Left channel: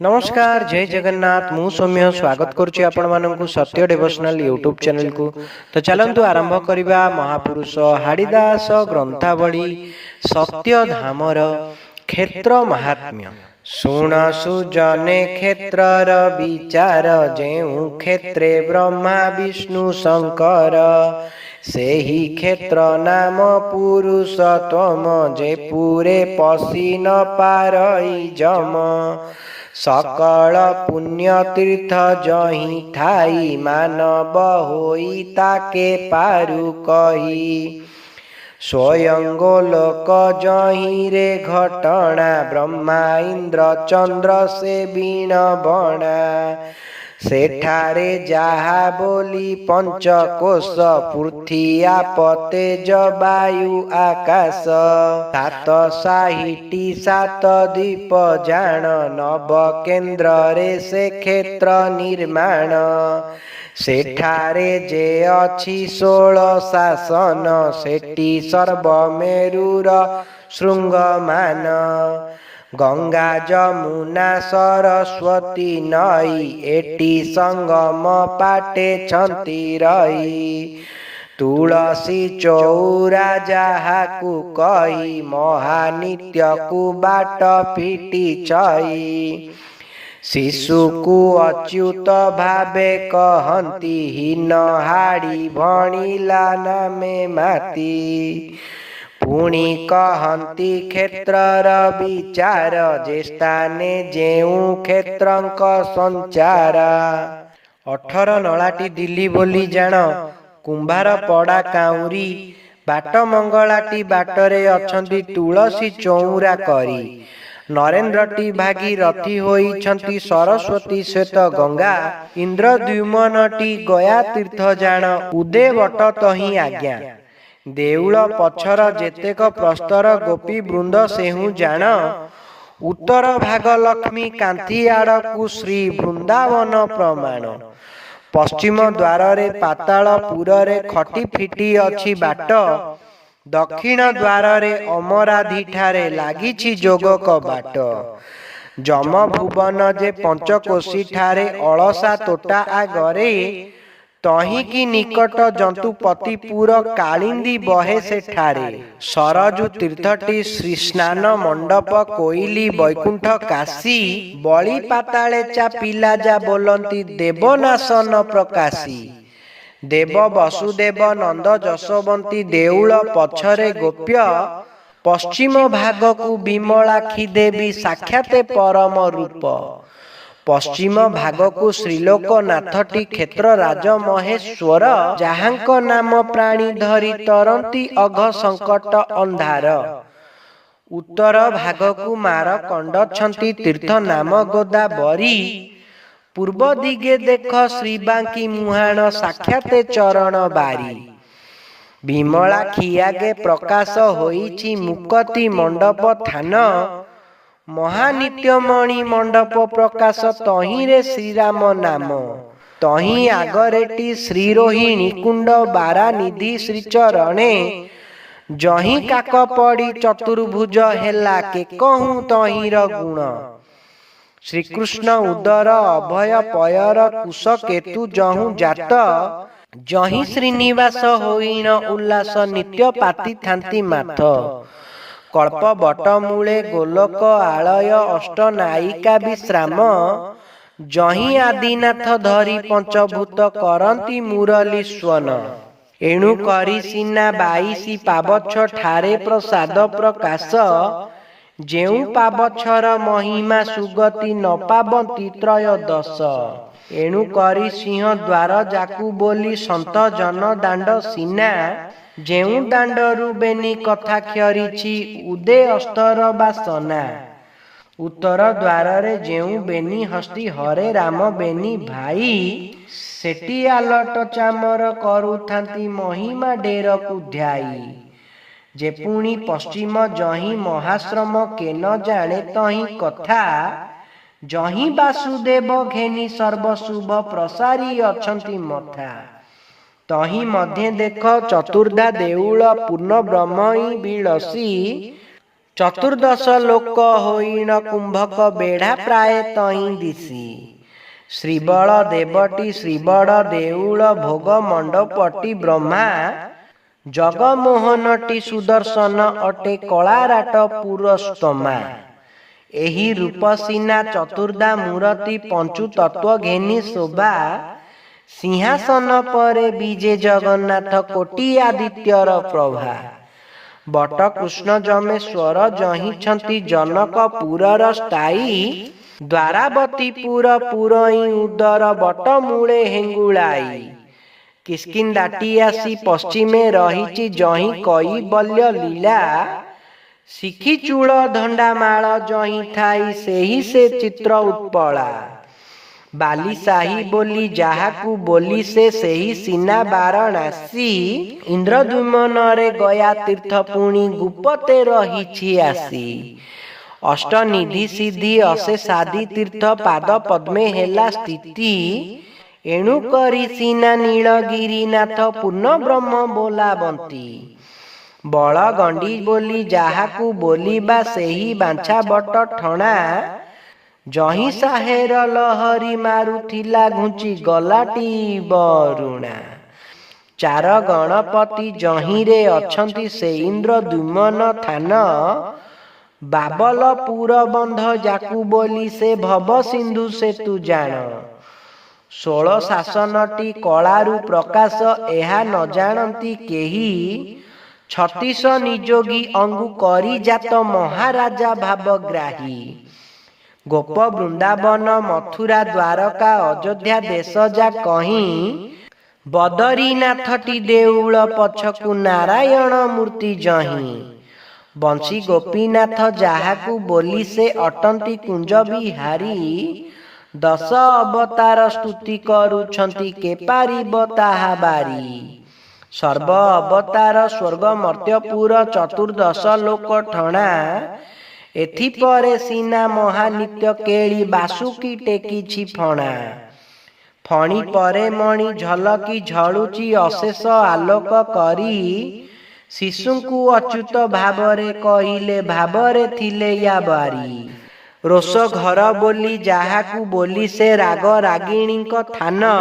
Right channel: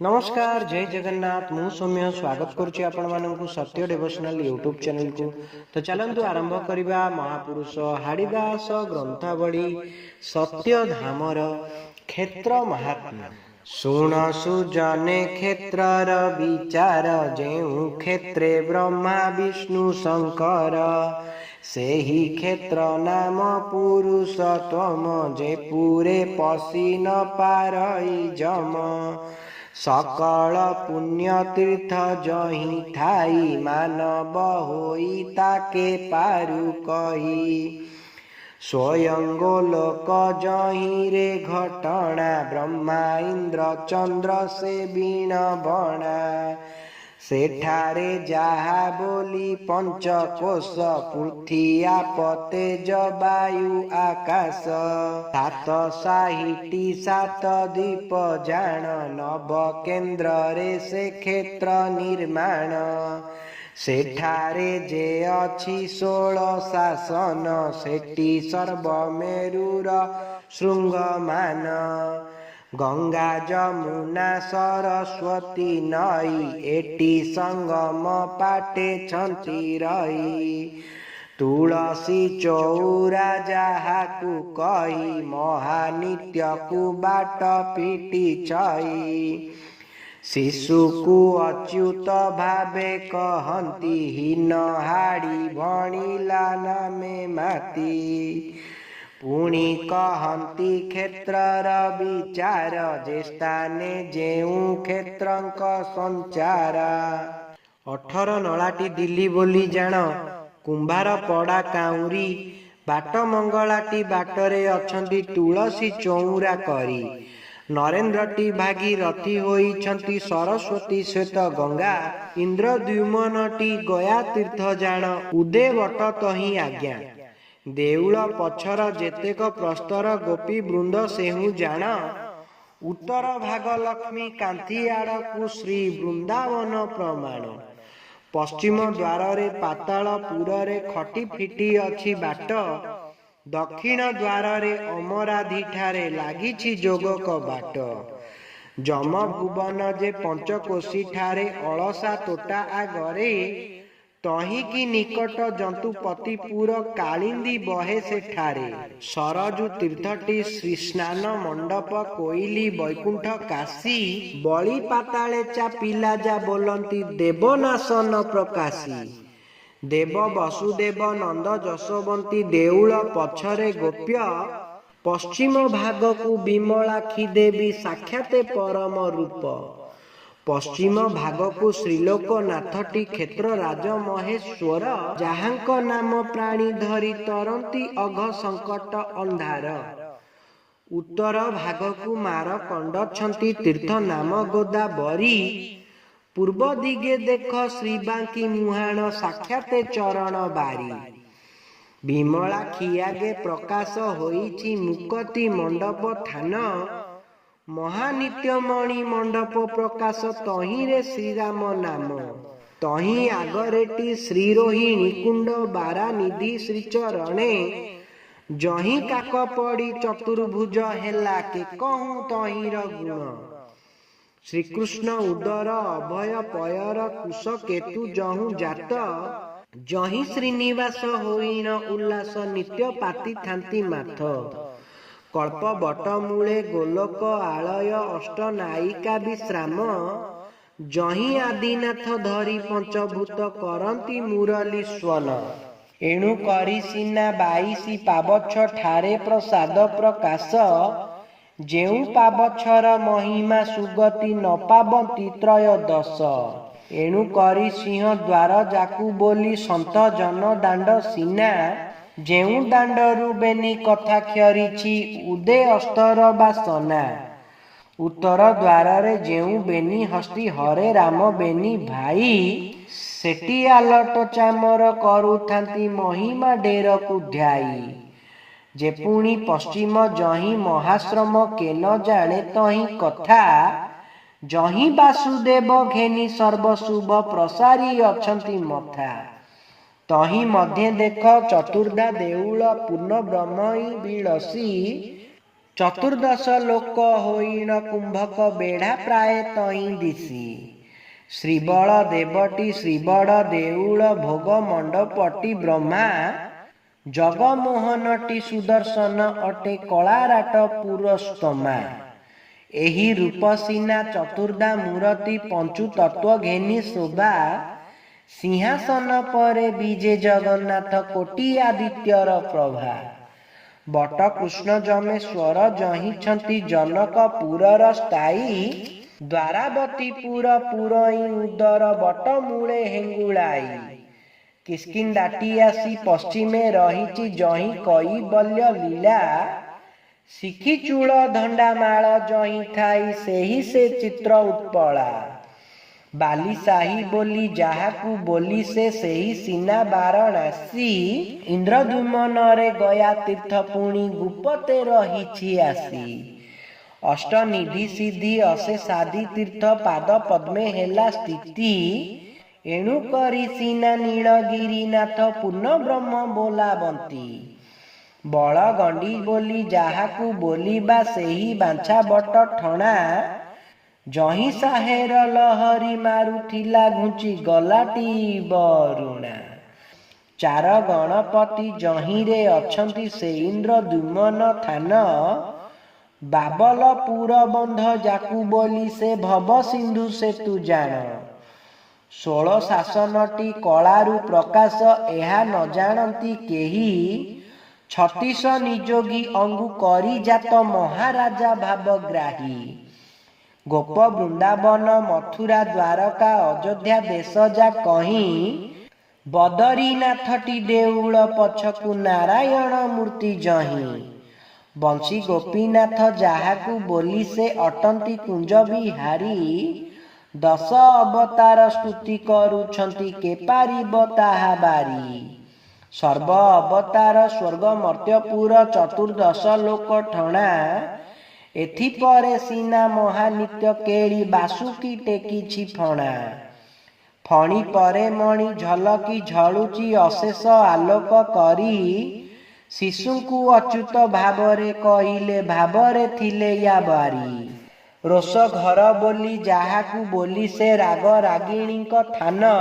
नमस्कार जय जगन्नाथ मु सौम्य स्वागत करुच्ची आपण मानकु सत्य डिवोशनल यूट्यूब चैनल को। तो चलंतु आरंभ करिबा महापुरुष हाड़ीदास ग्रंथावली सत्य धामर क्षेत्र महात्म्य। शुण सुजने क्षेत्रर विचार जेउ क्षेत्रे ब्रह्मा विष्णु शंकर सेही क्षेत्र नाम पुरुषोत्तम जे पूरे पशी न पारई जम सकल पुण्य तीर्थ जही ठाई मानव होई ताके पारु कही स्वयं गोलोक जही रे घटना ब्रह्मा इंद्र चंद्र से बीण बणा सेठारे जहा बोली पंचकोश पृथ्वी आप तेज वायु आकाश सात साहिटी सात दीप जान नव केन्द्र रे से क्षेत्र निर्माण सेठारे जे अछि 16 शासन सेठी सर्वमेरुर शृंगमान गंगा जमुना सरस्वती नई एटी संगम पाटे छंती रही तुलसी चौरा जाहाकु कही महानित्य कु बाट फिटी चई शिशु को अच्युत भावे कहंती हीन हाड़ी भणिला नामे माती पुणी कहंती क्षेत्रर विचार जे स्थाने जेउ क्षेत्रंक संचार 18 नलाटी दिल्ली बोली जान कुंभार पड़ा काउरी बाट मंगलाटी बाटरे अछंती तुलसी चौरा करी नरेन्द्रटी भागी रथी होइछंती सरस्वती श्वेत गंगा इंद्रद्युम्नटी गया तीर्थ जान उदे बट तही आज्ञा देउल पछर जेतेक प्रस्तर गोपी वृंद सेहु जान उत्तर भाग लक्ष्मी कांति आड़कु श्री वृंदावन प्रमाण पश्चिम द्वार रे पातालपुर रे खटी फिटी अछि बाट दक्षिण द्वार रे अमराधी ठारे लागिछि जोग कबाट जम भुवन जे पंचकोशी ठारे अलसा तोटा आगरे तही की निकट जंतुपतिपुर कालिंदी बहे सेठारे सरजु तीर्थटी श्री स्नान मंडप कोइली वैकुंठ काशी बलि पाताले चा पिला जा बोलंती देवनाशन प्रकाशी देव वसुदेव नंद जशवंती देउल पछरे गोप्य पश्चिम भाग को विमलाक्षी देवी साक्षाते परम रूप पश्चिम भाग को श्रीलोकनाथटी क्षेत्र राज महेश्वर जहांक नाम प्राणी धरी तरंती अघ संकट अंधार उत्तर भाग को मारकंड छंती तीर्थ नाम गोदावरी पूर्व दिगे देख श्रीबांकी मुहाण साक्षाते चरण बारी विमला खियागे प्रकाश होईछि मुक्ति मंडप थान महानित्यमणि मंडप प्रकाश तही रे श्रीराम नाम तही आगरेटी श्रीरोहिणी कुंड बारा निधि श्रीचरणे जही काक पड़ी चतुर्भुज हेला के कहूँ तही र गुण श्रीकृष्ण उदर अभय पयर कुश केतु जहु जात जही श्रीनिवास होइण उल्लास नित्य पाती थांती माथ कल्प बट मूले गोलोक आलय अष्ट नायिका विश्राम जही आदिनाथ धरी पंचभूत करंती मुरली स्वन एणु करी सीना 22 पाबछ ठारे प्रसाद प्रकाश जेउ पाबछर महिमा सुगति न पाबंती त्रयोदश एणु करी सिंह द्वार जाकू बोली संत जन दांड सीना जेउ दांडरू बेनी कथा क्षरिछि उदे अस्तर बासना उत्तर द्वार रे जेउ बेनी हस्ती हरे राम बेनी भाई सेटी आलट चामर करुथांती महिमा डेर कुध्याई जे पुणी पश्चिम जही महाश्रम के न जाने तही कथा जही वासुदेव घेनी सर्वशुभ प्रसारी अछंती मथा तही मध्य देख चतुर्धा देउल पूर्ण ब्रह्मई बिलसी ଚତୁର୍ଦ୍ଦଶ ଲୋକ ହୋଇଣ କୁମ୍ଭକ ବେଢ଼ା ପ୍ରାୟ ତହିଁ ଦିଶି। ଶ୍ରୀବଳ ଦେବଟି ଶ୍ରୀବଡ଼ ଦେଉଳ ଭୋଗ ମଣ୍ଡପଟି ବ୍ରହ୍ମା ଜଗମୋହନଟି ସୁଦର୍ଶନ ଅଟେ କଳାରାଟ ପୁରସ୍ତମା। ଏହି ରୂପ ସିନା ଚତୁର୍ଦ୍ଧା ମୂରତି ପଞ୍ଚୁ ତତ୍ଵ ଘେନି ଶୋଭା। ସିଂହାସନ ପରେ ବିଜେ ଜଗନ୍ନାଥ କୋଟି ଆଦିତ୍ୟର ପ୍ରଭା। ବଟ କୃଷ୍ଣ ଯମେଶ୍ୱର ଜହିଁଛନ୍ତି ଜନକ ପୁରର ସ୍ଥାୟୀ। ଦ୍ୱାରାବତୀ ପୁର ପୁରଇଁ ଉଦର ବଟ ମୂଳେ ହେଙ୍ଗୁଳାଇ। କିଷ୍କିନ୍ଦାଟି ଆସି ପଶ୍ଚିମେ ରହିଛି ଜହିଁ କୈବଲ୍ୟ ଲୀଳା। ଶିଖି ଚୂଳ ଧଣ୍ଡାମାଳ ଜହିଁ ଥାଇ ସେହି ସେ ଚିତ୍ର ଉତ୍ପଳା। ବାଲି ସାହି ବୋଲି ଯାହାକୁ ବୋଲି ସେ ସେହି ସିନା ବାରଣାସୀ। ଇନ୍ଦ୍ରଦ୍ୟୁମ୍ନରେ ଗୟା ତୀର୍ଥ ପୁଣି ଗୁପତେ ରହିଛି ଆସି। ଅଷ୍ଟନିଧି ସିଦ୍ଧି ଅଶେଷାଦି ତୀର୍ଥ ପାଦ ପଦ୍ମେ ହେଲା ସ୍ଥିତି। ଏଣୁ କରି ସିନା ନୀଳଗିରିନାଥ ପୂର୍ଣ୍ଣ ବ୍ରହ୍ମ ବୋଲାବନ୍ତି। ବଳଗଣ୍ଡି ବୋଲି ଯାହାକୁ ବୋଲିବା ସେହି ବାଞ୍ଛା ବଟ ଠଣା। ଜହିଁ ସାହେର ଲହରୀ ମାରୁଥିଲା ଘୁଞ୍ଚି ଗଲାଟି ବରୁଣା। ଚାର ଗଣପତି ଜହିଁରେ ଅଛନ୍ତି ସେ ଇନ୍ଦ୍ରଦ୍ୟୁମ୍ନ ଥାନ। ବାବଲପୁର ବନ୍ଧ ଯାକୁ ବୋଲି ସେ ଭବ ସିନ୍ଧୁ ସେତୁ ଜାଣ। 16 ଶାସନଟି କଳାରୁ ପ୍ରକାଶ ଏହା ନ ଜାଣନ୍ତି କେହି। 36 ନିଯୋଗୀ ଅଙ୍ଗୁ କରି ଜାତ ମହାରାଜା ଭାବଗ୍ରାହୀ। ଗୋପ ବୃନ୍ଦାବନ ମଥୁରା ଦ୍ୱାରକା ଅଯୋଧ୍ୟା ଦେଶ ଯା କହିଁ। ବଦରୀନାଥଟି ଦେଉଳ ପଛକୁ ନାରାୟଣ ମୂର୍ତ୍ତି ଜହିଁ। ବଂଶୀ ଗୋପୀନାଥ ଯାହାକୁ ବୋଲି ସେ ଅଟନ୍ତି କୁଞ୍ଜ ବିହାରୀ। 10 ଅବତାର ସ୍ତୁତି କରୁଛନ୍ତି କେ ପାରିବ ତାହା ବାରି। ସର୍ବ ଅବତାର ସ୍ୱର୍ଗ ମର୍ତ୍ତ୍ୟପୁର ଚତୁର୍ଦ୍ଦଶ ଲୋକ ଠଣା। ଏଥିପରେ ସିନା ମହାନିତ୍ୟ କେଳି ବାସୁକି ଟେକିଛି ଫଣା। ଫଣି ପରେ ମଣି ଝଲକି ଝଳୁଛି ଅଶେଷ ଆଲୋକ କରି। ଶିଶୁଙ୍କୁ ଅଚ୍ୟୁତ ଭାବରେ କହିଲେ ଭାବରେ ଥିଲେ ୟା ବାରି। ରୋଷ ଘର ବୋଲି ଯାହାକୁ ବୋଲି ସେ ରାଗ ରାଗିଣୀଙ୍କ ଥାନ।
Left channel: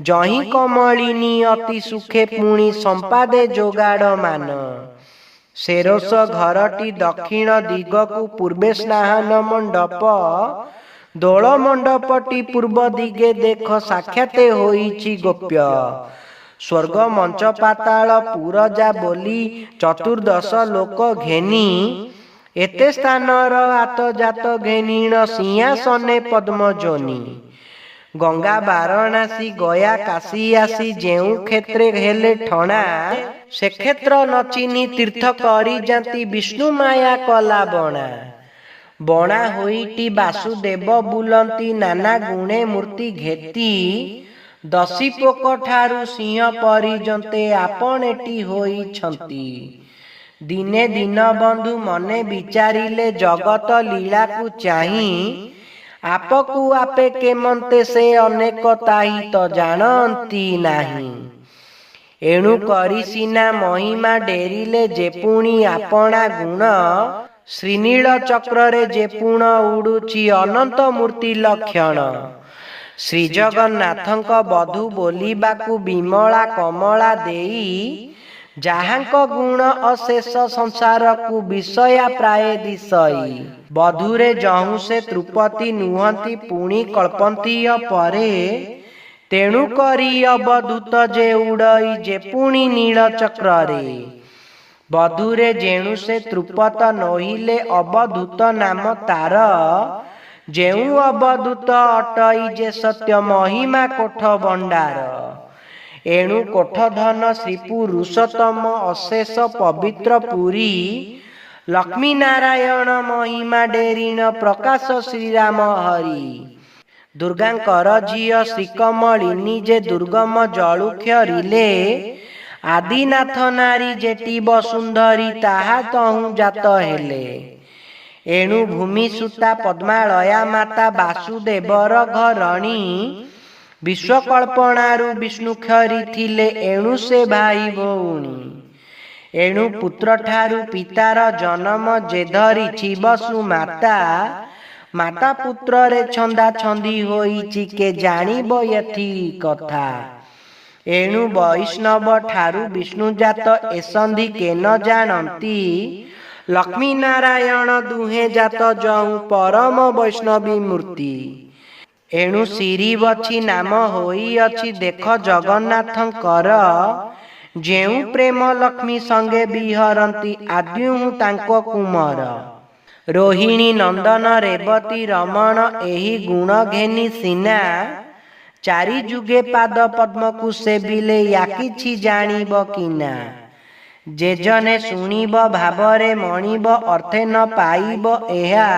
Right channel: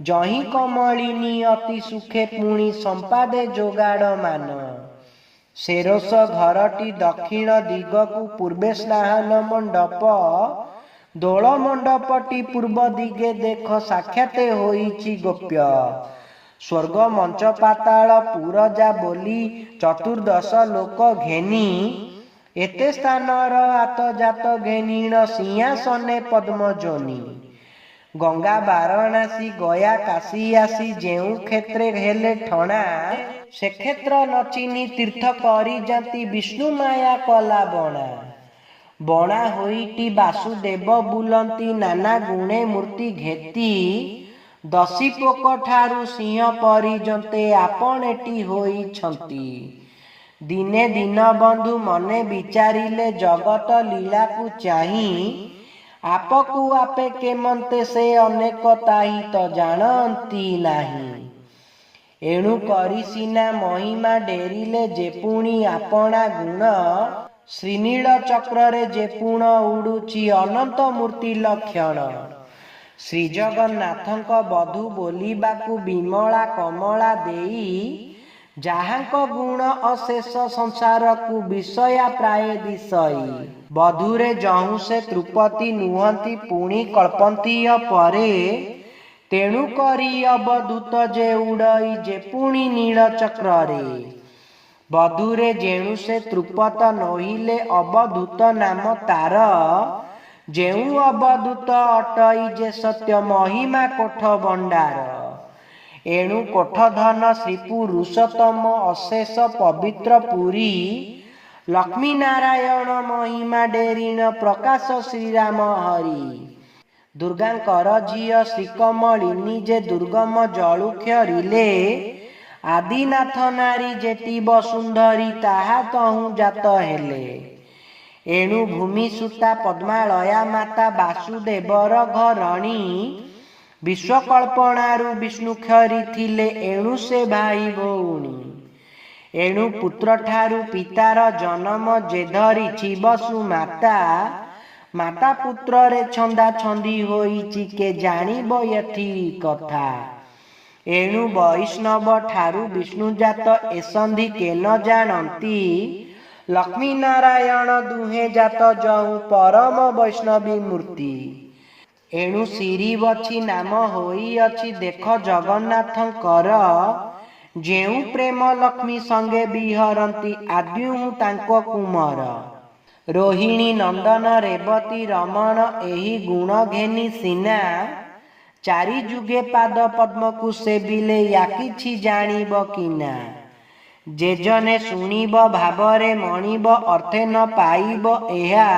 ଜହିଁ କମଳିନୀ ଅତି ସୁଖେ ପୁଣି ସମ୍ପାଦେ ଯୋଗାଡ଼ ମାନ। ସେ ରୋଷ ଘରଟି ଦକ୍ଷିଣ ଦିଗକୁ ପୂର୍ବେ ସ୍ନାନ ମଣ୍ଡପ। ଦୋଳ ମଣ୍ଡପଟି ପୂର୍ବ ଦିଗେ ଦେଖ ସାକ୍ଷାତେ ହୋଇଛି ଗୋପ୍ୟ। ସ୍ୱର୍ଗ ମଞ୍ଚ ପାତାଳ ପୁରଜା ବୋଲି ଚତୁର୍ଦ୍ଦଶ ଲୋକ ଘେନି। ଏତେ ସ୍ଥାନର ଆତଜାତ ଘେନିଣ ସିଂହାସନେ ପଦ୍ମଜୋନି। ଗଙ୍ଗା ବାରଣାସୀ ଗୟା କାଶୀ ଆସି ଯେଉଁ କ୍ଷେତ୍ରେ ହେଲେ ଠଣା। ସେ କ୍ଷେତ୍ର ନଚିନି ତୀର୍ଥ କରି ଯାନ୍ତି ବିଷ୍ଣୁ ମାୟା କଲା ବଣା। ବଣା ହୋଇଟି ବାସୁଦେବ ବୁଲନ୍ତି ନାନା ଗୁଣେ ମୂର୍ତ୍ତି ଘେତି। ଦଶିପୋକ ଠାରୁ ସିଂହ ପର୍ଯ୍ୟନ୍ତେ ଆପଣେଟି ହୋଇଛନ୍ତି। ଦିନେ ଦୀନବନ୍ଧୁ ମନେ ବିଚାରିଲେ ଜଗତ ଲୀଳାକୁ ଚାହିଁ। ଆପକୁ ଆପେ କେମନ୍ତେ ସେ ଅନେକ ତାହି ତ ଜାଣନ୍ତି ନାହିଁ। ଏଣୁ କରି ସିନା ମହିମା ଡେରିଲେ ଯେ ପୁଣି ଆପଣା ଗୁଣ। ଶ୍ରୀନୀଳ ଚକ୍ରରେ ଯେ ପୁଣ ଉଡୁଛି ଅନନ୍ତ ମୂର୍ତ୍ତି ଲକ୍ଷଣ। ଶ୍ରୀଜଗନ୍ନାଥଙ୍କ ବଧୂ ବୋଲିବାକୁ ବିମଳା କମଳା ଦେଇ। ଯାହାଙ୍କ ଗୁଣ ଅଶେଷ ସଂସାରକୁ ବିଷୟା ପ୍ରାୟ ଦିଶଇ। ବଧୂରେ ଯହୁଁ ସେ ତୃପତି ନୁହନ୍ତି ପୁଣି କଳ୍ପନ୍ତି ଅପରେ। ତେଣୁ କରି ଅବଧୂତ ଯେ ଉଡ଼ଇ ଯେ ପୁଣି ନୀଳ ଚକ୍ରରେ। ବଧୂରେ ଯେଣୁ ସେ ତୃପତ ନୋହିଲେ ଅବଧୂତ ନାମ ତାର। ଯେଉଁ ଅବଧୂତ ଅଟଇ ଯେ ସତ୍ୟ ମହିମା କୋଠ ଭଣ୍ଡାର। ଏଣୁ କୋଠ ଧନ ଶ୍ରୀ ପୁରୁଷୋତ୍ତମ ଅଶେଷ ପବିତ୍ର ପୁରୀ। ଲକ୍ଷ୍ମୀ ନାରାୟଣ ମହିମା ଡେରିଣ ପ୍ରକାଶ ଶ୍ରୀରାମ ହରି। ଦୁର୍ଗାଙ୍କର ଝିଅ ଶ୍ରୀକମଳିନୀ ଯେ ଦୁର୍ଗମ ଜଳୁକ୍ଷରିଲେ। ଆଦିନାଥ ନାରୀ ଯେଟି ବସୁନ୍ଧରୀ ତାହା ତହୁଁ ଜାତ ହେଲେ। ଏଣୁ ଭୂମି ସୁତା ପଦ୍ମାଳୟା ମାତା ବାସୁଦେବର ଘରଣୀ। ବିଶ୍ୱକଳ୍ପଣାରୁ ବିଷ୍ଣୁ କ୍ଷରି ଥିଲେ ଏଣୁ ସେ ଭାଇ ଭଉଣୀ। एणु पुत्र ठारू पितार जन्म जे धरिछि बसु माता माता पुत्र रे छंदा छंदी होइछि के जानिब यथि कथा एणु वैष्णव ठारू विष्णु जात एसंधि के न जानती लक्ष्मी नारायण दुहे जात जहु परम वैष्णवी मूर्ति एणु श्रीवछि नाम होई अछि देख जगन्नाथंकर जेउ प्रेम लक्ष्मी संगे बिहरंती आद्यु तांको कुमार रोहिणी नंदन रेवती रमण एही गुण घेनी सीना चारि जुगे पाद पद्म को सेविले या किछि जानिब किना जे जने शुणिब भावरे मणिब अर्थे न पाइब एहा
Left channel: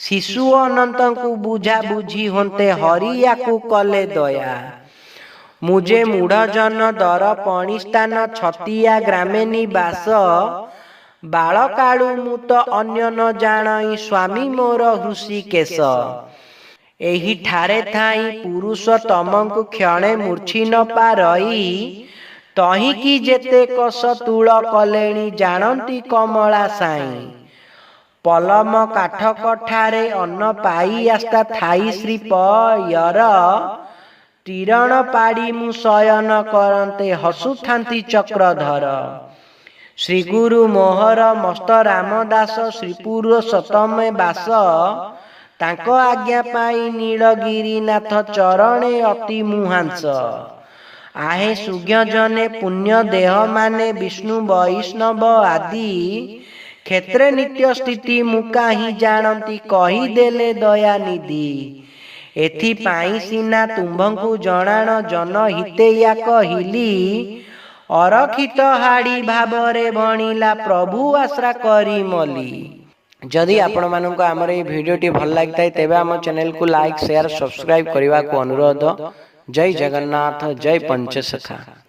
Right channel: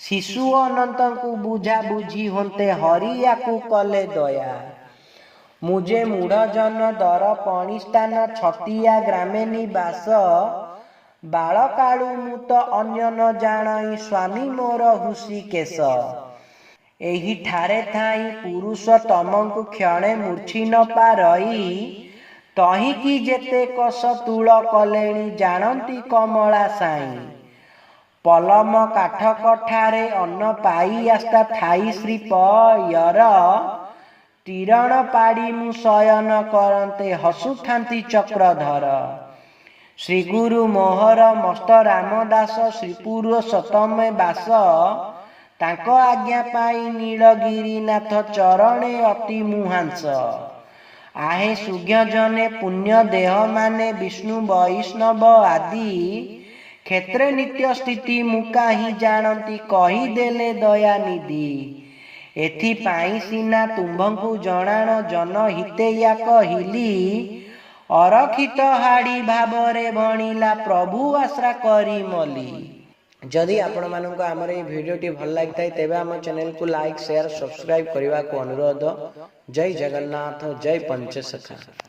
शिशु अनंत को बुझा बुझी होते हरिया को कले दया मुझे मूढ़ जन दर पणिस्तान छतिया ग्रामे निवास बालकालु मुत अन्य न जाणई स्वामी मोर हृषिकेश एही ठारे थाई पुरुषोत्तमंकु क्षणे मूर्छी न पारई तही की जेते कस तुल कलेणी जानती कमला साई पलम काठ कठारे अन्न पाई आस्था थाई श्रीपयर तीरण पाड़ी मु शयन करते हसुथांती चक्रधर श्री गुरु मोहर मस्त रामदास श्री पुरुषोत्तमे बास तांको आज्ञा पाई नीलगिरीनाथ चरणे अति मुहांस आहे सुज्ञ जने पुण्य देह माने विष्णु वैष्णव आदि क्षेत्रे नित्य स्थिति मुका ही जानती कही देले दयानिधि एथि पाई सीना तुम्भंकु जणाण जन हिते या कहिली अरखित हाड़ी भावरे भणिला प्रभु आश्रा करी मली जदि आपण मानक आमर ये भिडियोटी भल लगी था तेबे आम चैनल को लाइक शेयर सब्सक्राइब करने को अनुरोध। जय जगन्नाथ जय पंचसखा।